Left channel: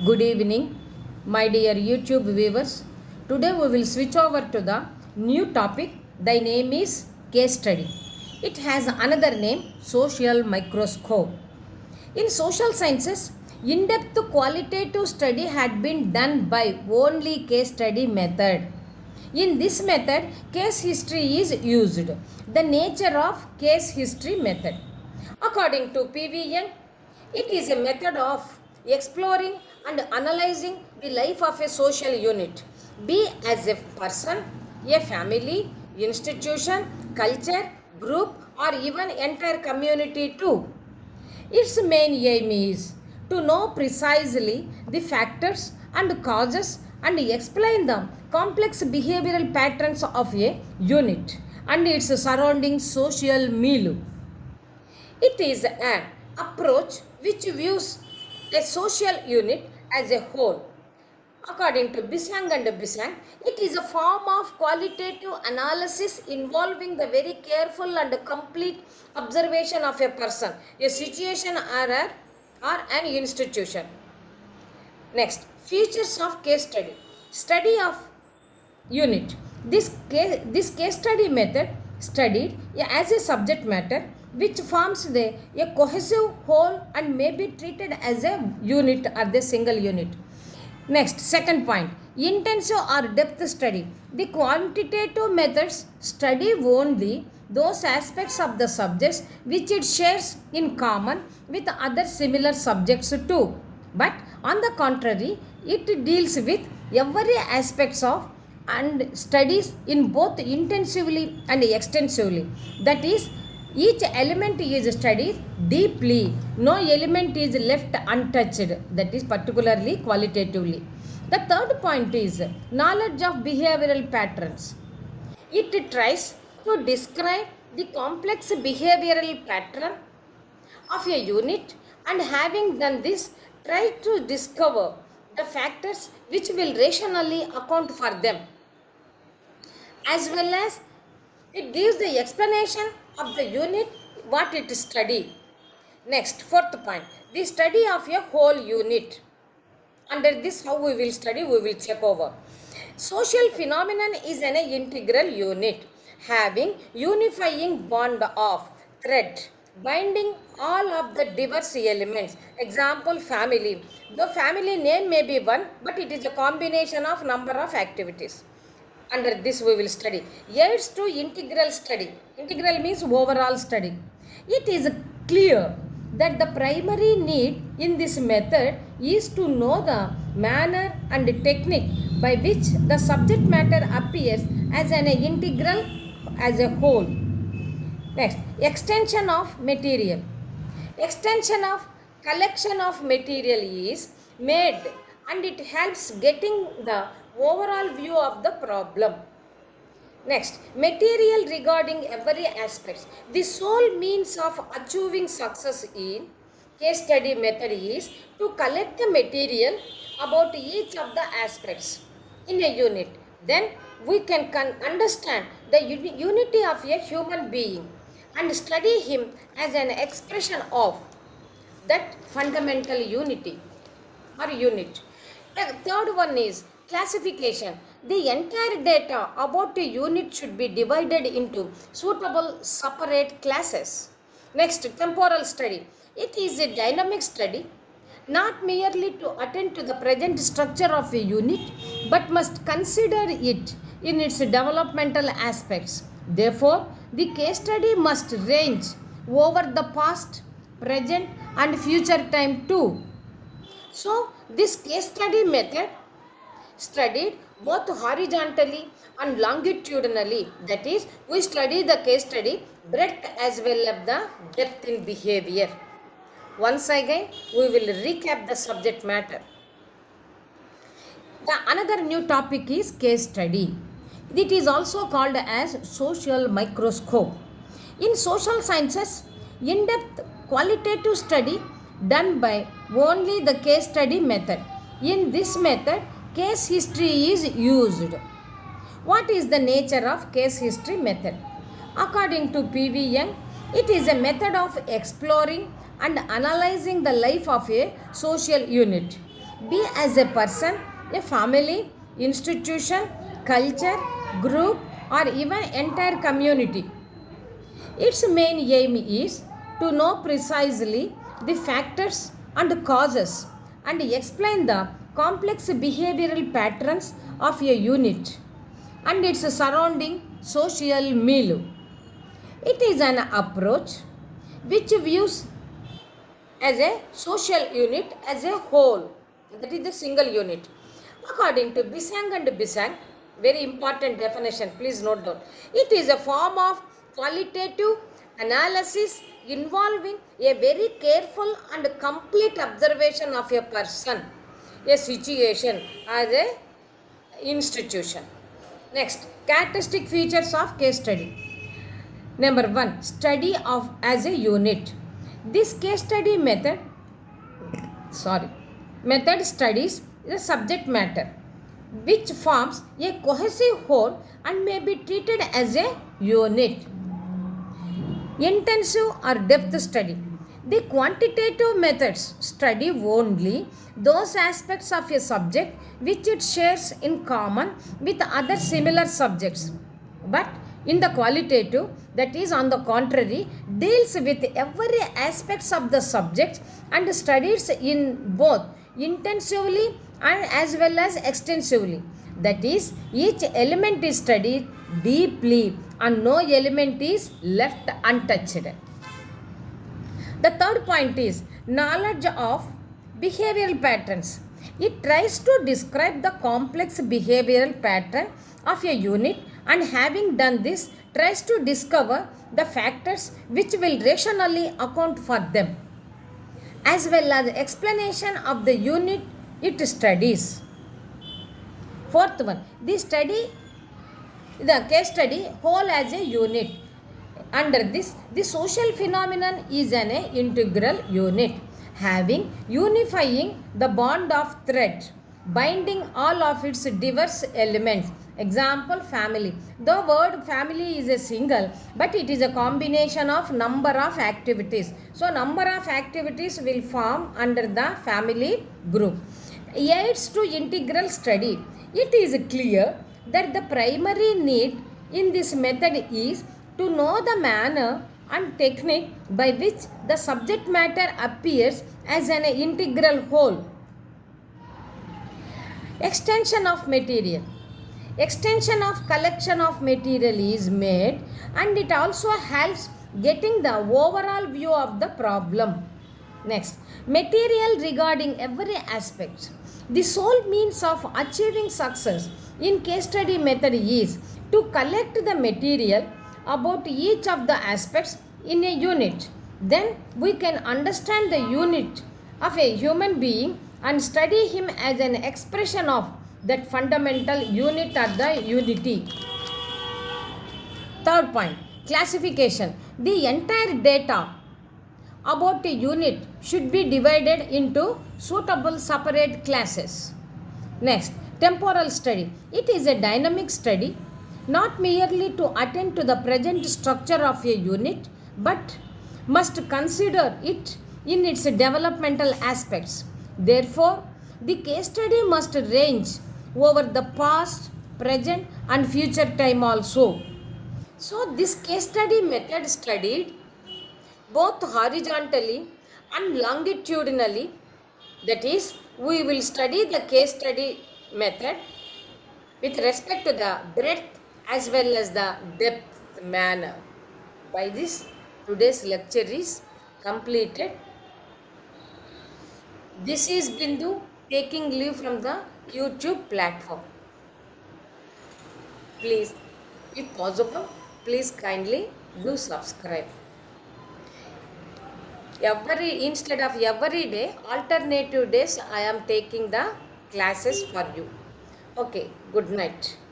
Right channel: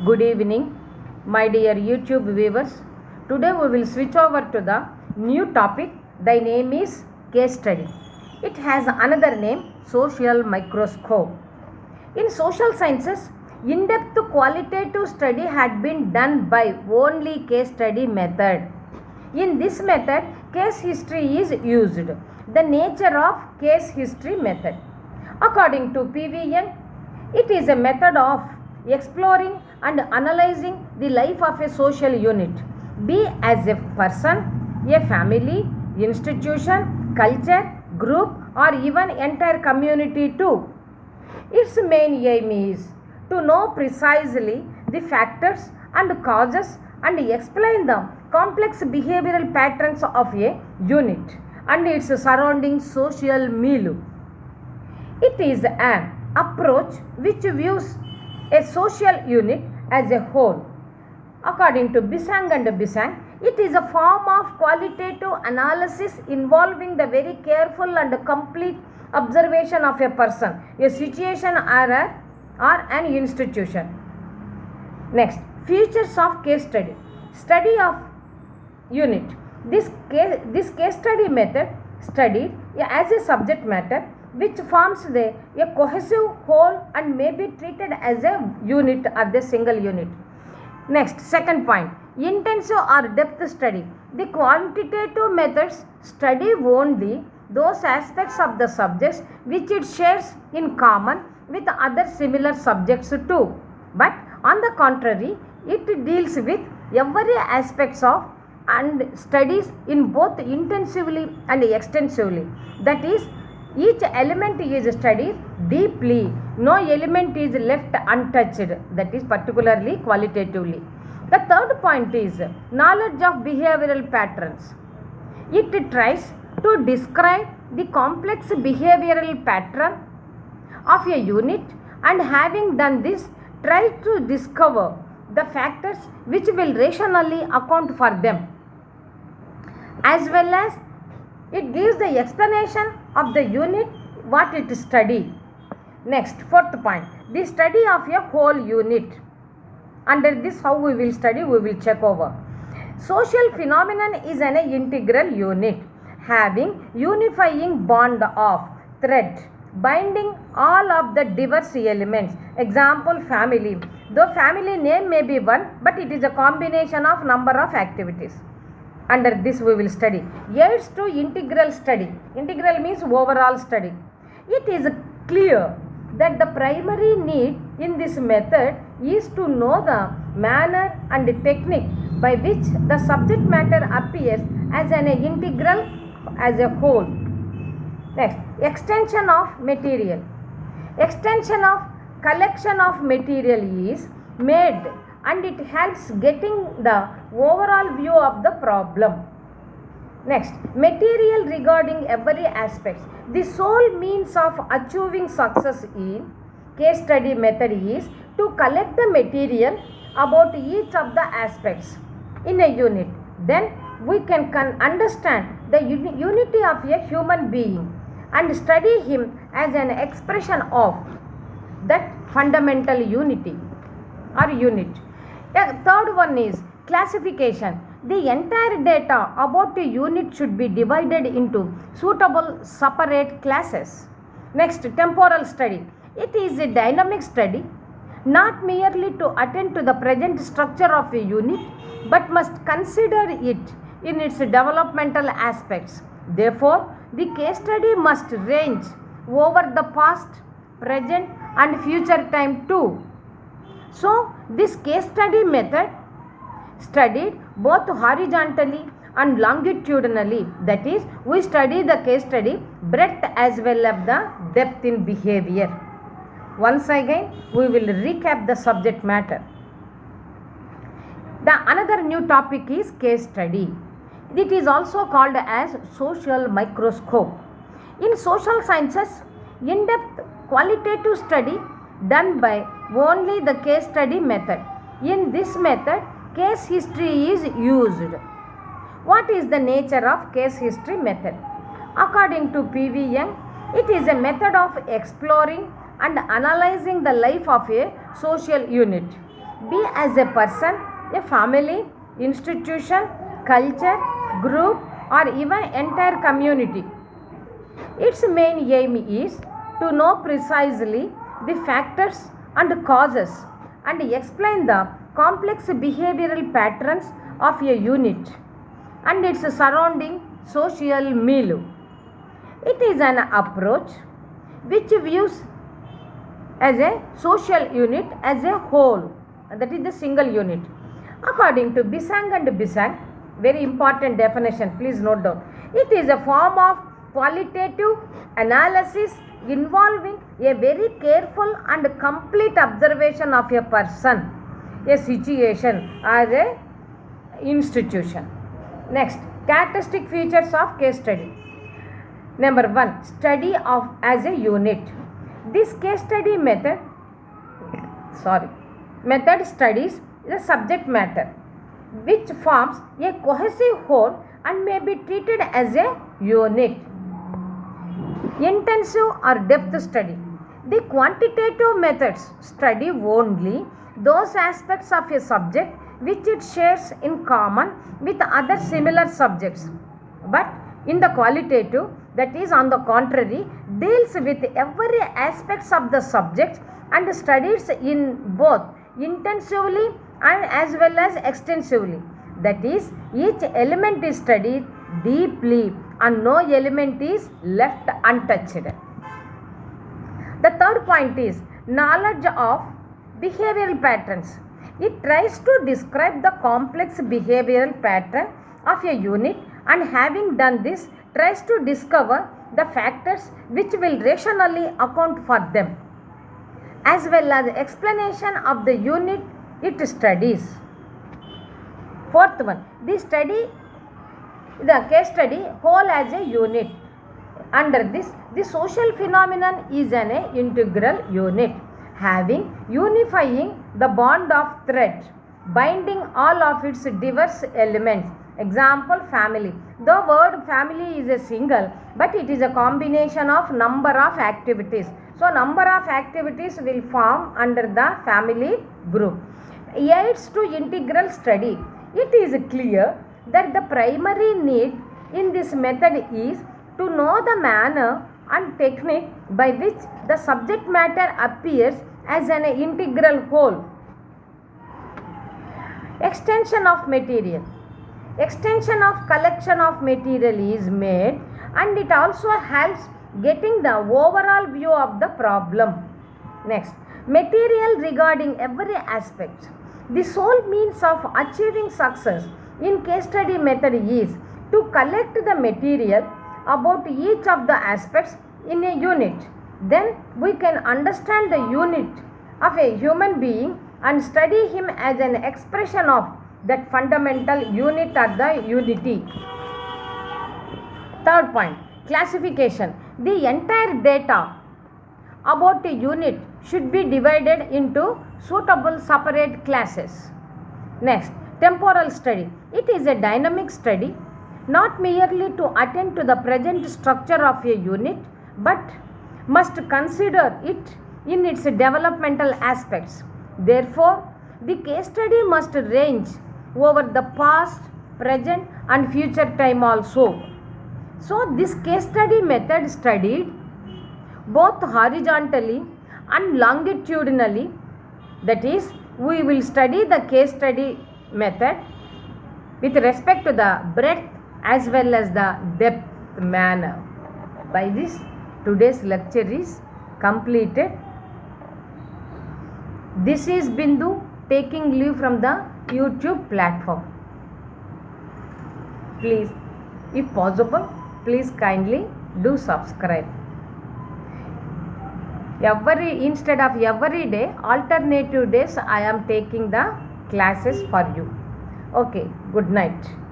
Good evening, my dear YouTube viewers. Today we will switch over to the new topic. The name is case study. It has another name, social microscope. In social sciences, in-depth qualitative study had been done by only case study method. In this method, case history is used. The nature of case history method. According to P.V. Young, it is a method of exploring and analyzing the life of a social unit, be as a person, a family, institution, culture, group, or even entire community too. Its main aim is to know precisely the factors and causes and explain the complex behavioral patterns of a unit and its surrounding social milieu. It is an approach which views a social unit as a whole. According to Bisang and Bisang, it is a form of qualitative analysis involving the very careful and complete observation of a person, a situation or an institution. Next, features of case study. Study of unit. This case study method studied as a subject matter which forms a cohesive whole and may be treated as a unit or the single unit. Next, second point, intensive or depth study. The quantitative methods study only those aspects of the subjects which it shares in common with other similar subjects too. But on the contrary, it deals with every aspects of and studies in both intensively and extensively. That is, each element is studied deeply. No element is left untouched. That is particularly qualitatively. The third point is knowledge of behavioral patterns. It tries to describe the complex behavioral pattern of a unit and having done this, try to discover the factors which will rationally account for them, as well as it gives the explanation of the unit what it study. Next, fourth point, the study of a whole unit. Under this, how we will study, we will check over. Social phenomenon is an integral unit having unifying bond of thread binding all of the diverse elements. Example, family. Though family name may be one, but it is a combination of number of activities. Under this we will study. Aids to integral study. Integral means overall study. It is clear that the primary need in this method is to know the manner and technique by which the subject matter appears as an integral as a whole. Next, extension of material. Extension of collection of material is made and it helps getting the overall view of the problem. Next, material regarding every aspect. The sole means of achieving success in case study method is to collect the material about each of the aspects in a unit. Then we can understand the unity of a human being and study him as an expression of that fundamental unity or unit. The third one is classification. The entire data about a unit should be divided into suitable separate classes. Next, temporal study. It is a dynamic study, not merely to attend to the present structure of a unit, but must consider it in its developmental aspects. Therefore, the case study must range over the past, present, and future time too. So, this case study method studied both horizontally and longitudinally. That is, we study the case study breadth as well as the depth in behavior. Once again, we will recap the subject matter. The another new topic is case study. It is also called as social microscope. In social sciences, in-depth qualitative study done by only the case study method. In this method, case history is used. What is the nature of case history method? According to P.V. Young, it is a method of exploring and analyzing the life of a social unit, be as a person, a family, institution, culture, group, or even entire community. Its main aim is to know precisely the factors and causes and explain the complex behavioral patterns of a unit and its surrounding social milieu. It is an approach which views as a social unit as a whole, that is the single unit. According to Bisang and Bisang, very important definition, please note down. It is a form of qualitative analysis involving a very careful and complete observation of a person, a situation, or a institution. Next, characteristic features of case study. Number 1, study of as a unit. This case study method studies the subject matter which forms a cohesive whole and may be treated as a unit. Intensive or depth study. The quantitative methods study only those aspects of a subject which it shares in common with other similar subjects. But in the qualitative, that is on the contrary, deals with every aspects of the subject and studies in both intensively and as well as extensively. That is, each element is studied deeply and no element is left untouched. The third point is knowledge of behavioral patterns. It tries to describe the complex behavioral pattern of a unit and having done this, tries to discover the factors which will rationally account for them, as well as explanation of the unit it studies. Fourth one, the case study whole as a unit. Under this, the social phenomenon is an integral unit, having unifying the bond of thread, binding all of its diverse elements. Example, family. The word family is a single, but it is a combination of number of activities. So, number of activities will form under the family group. Aids to integral study. It is clear that the primary need in this method is to know the manner and technique by which the subject matter appears as an integral whole. Extension of material. Extension of collection of material is made and it also helps getting the overall view of the problem. Next, material regarding every aspect. The sole means of achieving success in case study method is to collect the material about each of the aspects in a unit. Then we can understand the unit of a human being and study him as an expression of that fundamental unit or the unity. Third point, classification. The entire data about a unit should be divided into suitable separate classes. Next, temporal study. It is a dynamic study, not merely to attend to the present structure of a unit, but must consider it in its developmental aspects. Therefore, the case study must range over the past, present and future time also. So, this case study method studied both horizontally and longitudinally. That is, we will study the case study method with respect to the breadth as well as the depth manner. By this, today's lecture is completed. This is Bindu taking leave from the YouTube platform. Please, if possible, please kindly do subscribe. Instead of every day, alternative days I am taking the classes for you. Okay, good night.